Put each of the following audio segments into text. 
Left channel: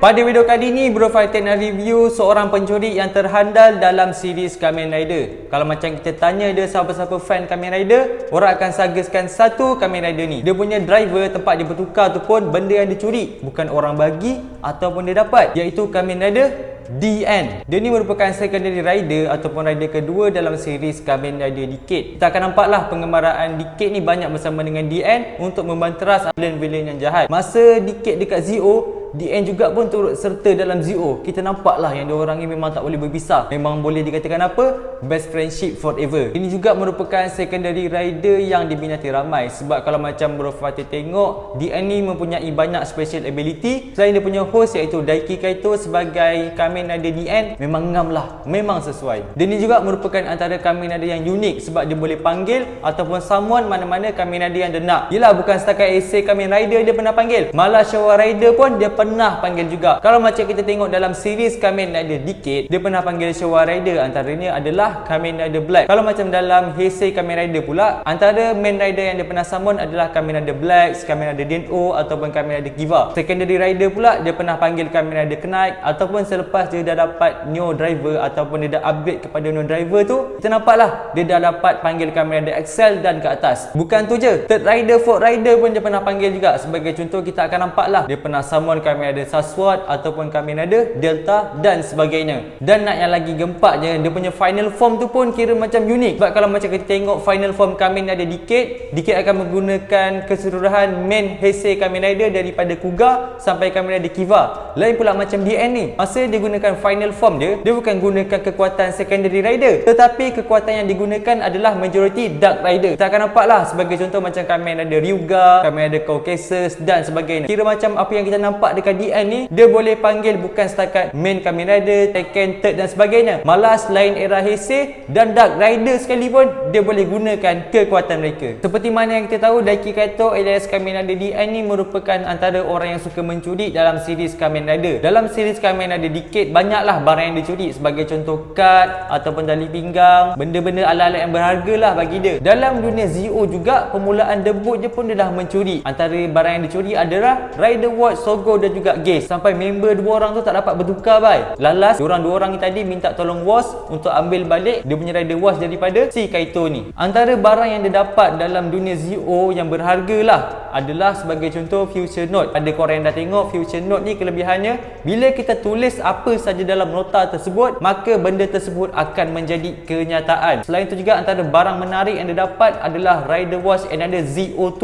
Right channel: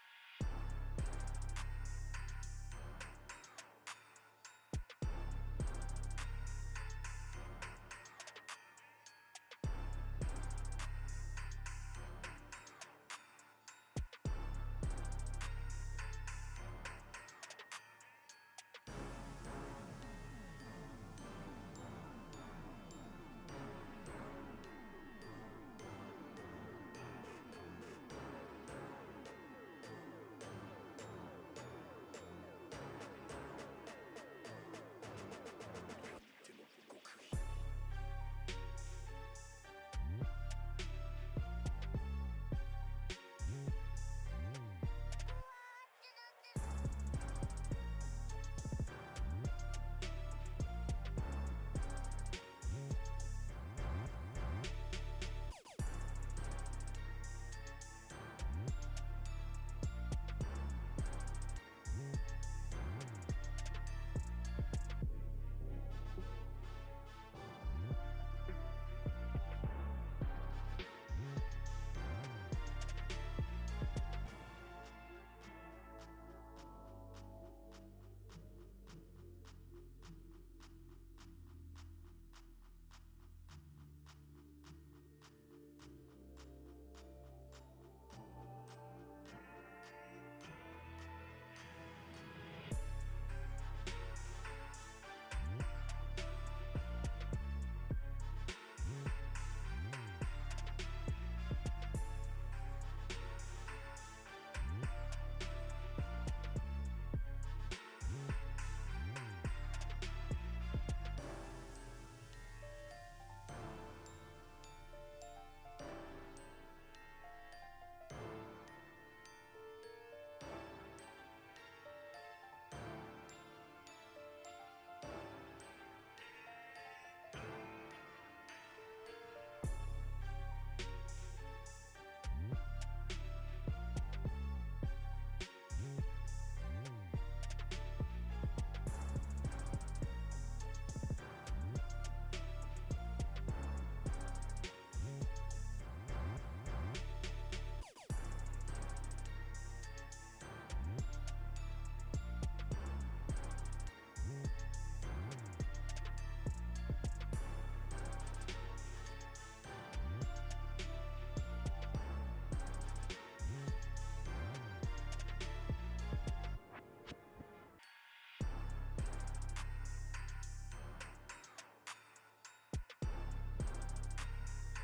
Pada video kali ini Bro Fighter nak review seorang pencuri yang terhandal dalam series Kamen Rider. Kalau macam kita tanya dia siapa-siapa fan Kamen Rider, orang akan sageskan satu Kamen Rider ni. Dia punya driver tempat dia bertukar tu pun benda yang dicuri, bukan orang bagi ataupun dia dapat, iaitu Kamen Rider DN. Dia ni merupakan secondary rider ataupun rider kedua dalam series Kamen Rider Decade. Kita akan nampaklah pengembaraan Decade ni banyak bersama dengan DN untuk membanteras villain-villain yang jahat. Masa Decade dekat Zio, DN juga pun turut serta dalam Zio. Kita nampaklah yang diorang ni memang tak boleh berpisah. Memang boleh dikatakan apa? Best friendship forever. Ini juga merupakan secondary rider yang diminati ramai. Sebab kalau macam Bro Fighter tengok, DN ni mempunyai banyak special ability. Selain dia punya host iaitu Daiki Kaito sebagai Kamen Rider DN, memang ngam lah. Memang sesuai. Dia ni juga merupakan antara Kamen Rider yang unik sebab dia boleh panggil ataupun summon mana-mana Kamen Rider yang dia nak. Yelah, bukan setakat essay Kamen Rider dia pernah panggil. Malah Showa Rider pun dia pernah panggil juga. Kalau macam kita tengok dalam series Kamen Rider Decade, dia pernah panggil Showa Rider, antaranya adalah Kamen Rider Black. Kalau macam dalam Heisei Kamen Rider pula, antara main rider yang dia pernah summon adalah Kamen Rider Black, Kamen Rider Den-O ataupun Kamen Rider Kiva. Secondary rider pula dia pernah panggil Kamen Rider Knight, ataupun selepas dia dah dapat Neo Driver ataupun dia dah upgrade kepada Neo Driver tu, kita nampaklah dia dah dapat panggil Kamen Rider Excel dan ke atas. Bukan tu je, Third Rider, Fourth Rider pun dia pernah panggil juga. Sebagai contoh, kita akan nampaklah dia pernah summon Kamen Rider Saswat ataupun Kamen Rider Delta dan sebagainya. Dan nak yang lagi gempaknya, dia punya final form tu pun kira macam unik. Sebab kalau macam kita tengok final form Kamen Rider Decade akan menggunakan keseluruhan main Heisei Kamen Rider daripada Kuga sampai Kamen Rider Kiva. Lain pula macam DN ni, masa dia gunakan final form dia bukan gunakan kekuatan secondary rider, tetapi kekuatan yang digunakan adalah majority Dark Rider. Kita akan nampaklah sebagai contoh macam Kamen Rider Ryuga, Kamen Rider Caucasus dan sebagainya. Kira macam apa yang kita nampak dekat DN ni, dia boleh panggil bukan setakat main Kamen Rider, Tekken, Third dan sebagainya. Malah selain era Heisei dan Dark Rider sekalipun, dia boleh gunakan kekuatan mereka. Seperti mana yang kita tahu, Daiki Kaito alias Kamen Rider DN ni merupakan antara orang yang suka mencuri dalam series Kamen Rider. Dalam series Kamen Rider Decade, banyaklah barang yang dicuri, sebagai contoh kad ataupun tali pinggang, benda-benda ala-ala yang berharga lah bagi dia. Dalam dunia Zio juga, permulaan debut je pun dia dah mencuri. Antara barang yang dicuri adalah Rider Watch, Sogo dan juga Gaze. Sampai member dua orang tu tak dapat bertukar bai. Lalas dua orang ni tadi minta tolong Watch untuk ambil balik dia punya Rider Watch daripada si Kaito ni. Antara barang yang dia dapat dalam dunia Zio yang berharga lah adalah sebagai contoh Future Note. Ada korang yang dah tengok Future Note ni, kelebihannya bila kita tulis apa saja dalam nota tersebut, maka benda tersebut akan menjadi kenyataan. Selain itu juga, antara barang menarik yang dia dapat adalah Rider Watch and ada ZO2.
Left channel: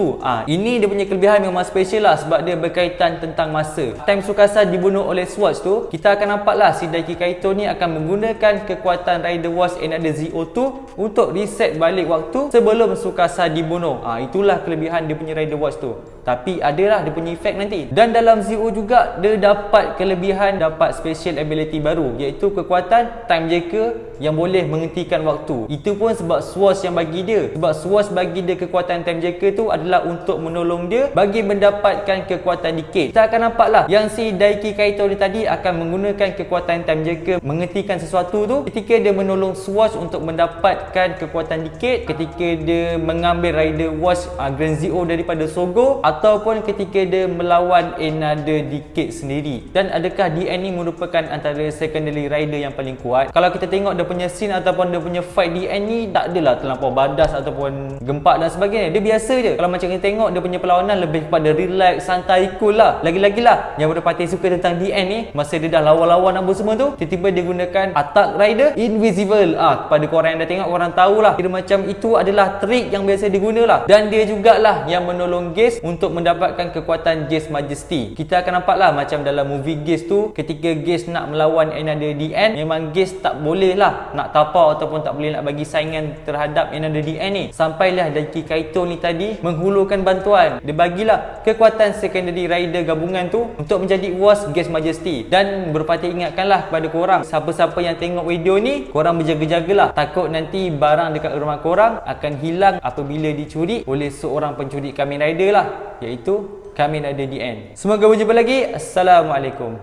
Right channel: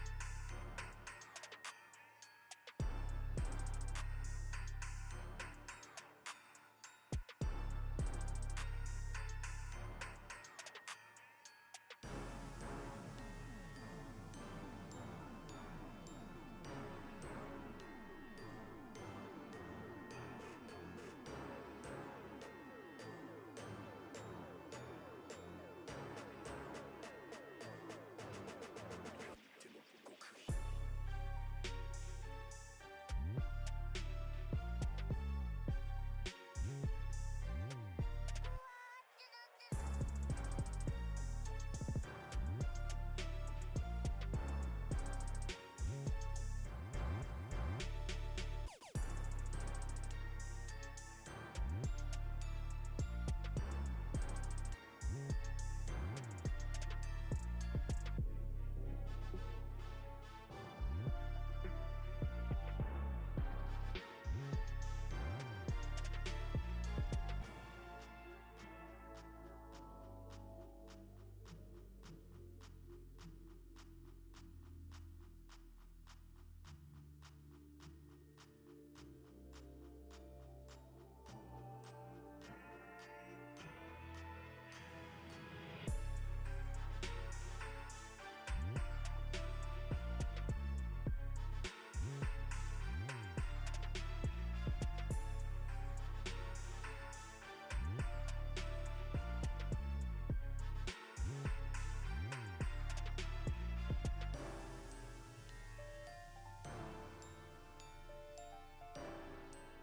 Ini dia punya kelebihan memang special lah sebab dia berkaitan tentang masa. Time Tsukasa dibunuh oleh Swatch tu, kita akan nampaklah si Daiki Kaito ni akan menggunakan kekuatan Rider Watch and ada ZO2 untuk reset balik waktu sebelum Tsukasa dibunuh. Itulah kelebihan dia punya Rider Watch tu. Tapi adalah dia punya efek nanti. Dan dalam Zio juga dia dapat kelebihan, dapat special ability baru, iaitu kekuatan Time Jacker yang boleh menghentikan waktu. Itu pun sebab Swatch yang bagi dia. Sebab Swatch bagi dia kekuatan Time Jacker tu adalah untuk menolong dia bagi mendapatkan kekuatan Decade. Kita akan nampaklah yang si Daiki Kaito ni tadi akan menggunakan kekuatan Time Jacker menghentikan sesuatu tu ketika dia menolong Swatch untuk mendapatkan kekuatan Decade, ketika dia mengambil Rider Watch Grand Zio daripada Sogo, ataupun ketika dia melawan Another Decade sendiri. Dan adakah DN ni merupakan antara secondary rider yang paling kuat? Kalau kita tengok dia punya scene ataupun dia punya fight, DN ni tak adalah terlampau badas ataupun gempak dan sebagainya. Dia biasa je. Kalau macam kita tengok, dia punya perlawanan lebih kepada relax, santai, cool lah. Lagi-lagi lah yang berpati suka tentang DN ni, masa dia dah lawan-lawan apa semua tu, tiba-tiba dia gunakan attack rider invisible. Kepada korang yang dah tengok, korang tahulah kira macam itu adalah trik yang biasa digunalah. Dan dia jugalah yang menolong Gaze untuk mendapatkan kekuatan Gaze Majesty. Kita akan nampaklah macam dalam movie Gaze tu, ketika Gaze nak melawan Another DN, memang Gaze tak boleh lah nak tapau ataupun tak boleh nak bagi saingan terhadap Another DN ni. Sampailah Daiki Kaito ni tadi menghulurkan bantuan. Dia bagilah kekuatan secondary rider gabungan tu untuk menjadi Watch Gaze Majesty. Dan berpati ingatkanlah kepada korang, siapa-siapa yang tengok video ni, korang berjaga-jagalah. Takut nanti barang dekat rumah korang akan hilang apabila dicuri oleh seorang pencuri Kamen Rider lah, iaitu Kamen Rider DN. Semoga berjumpa lagi. Assalamualaikum.